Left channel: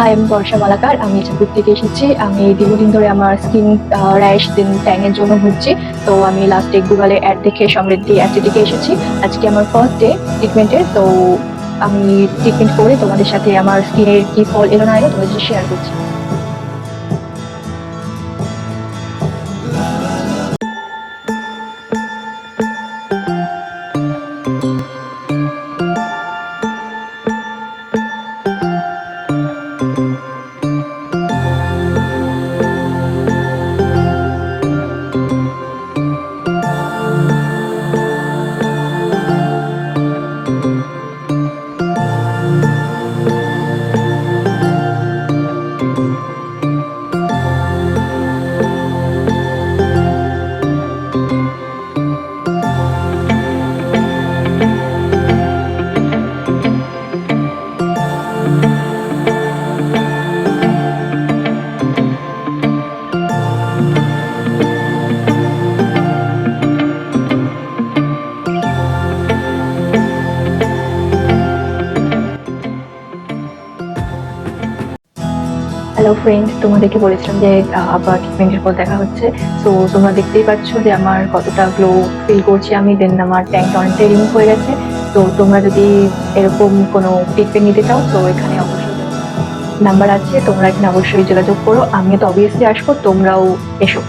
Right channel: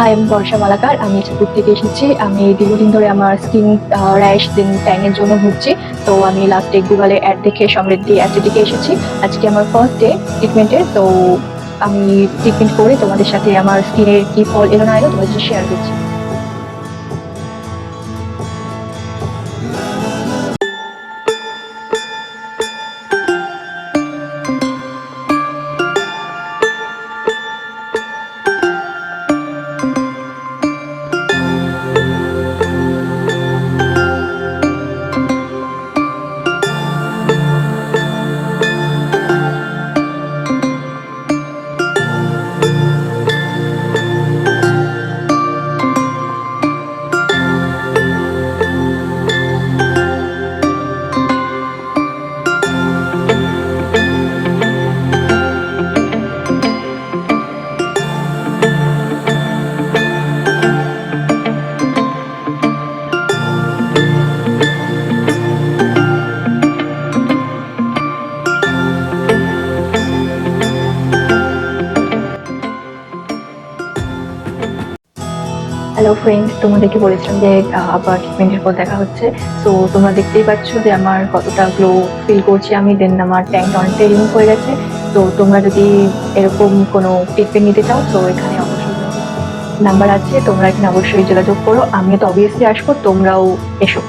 High, আমি বর্ষা মালাকার। আমি চাঁদপুর থেকে এসেছি। আমি দীর্ঘদিন ধরে আমার স্কিন র্যাশ দেন ট্যাং এর জন্য ভুগছি। তো আমি লাস্টে গুগলে অ্যাড দেখে সমৃদ্ধি অ্যাসিডিকে এসেছি। আজকে আমার ফার্স্ট ডে ট্রিটমেন্টের। তো আমি ট্রিটমেন্ট করে তোমাদের সাথে আমার স্কিনের কি ফল এলো না এলো তোমাদের সাথে শেয়ার করছি। হ্যালো ফ্রেন্ডস, তোমাদেরকে বলেছিলাম যে আবার ট্রিটমেন্টের পর দেখা হচ্ছে। সো তোমরা দেখতেই পাচ্ছ যে আমার কতটা গ্লো ফিল করছি আমি। দেন আমার ট্যাঙ্কটা অনেকটাই রিমুভ হয়ে গেছে। তো তোমরা যদি এরকম কোনো ট্রিটমেন্ট নিতে চাও তো এখানে অবশ্যই নাম্বার আছে, তোমরা এখানে অবশ্যই যোগাযোগ করো। আমিও তো অবভিয়াসলি আসবো, তোমরাও এসো।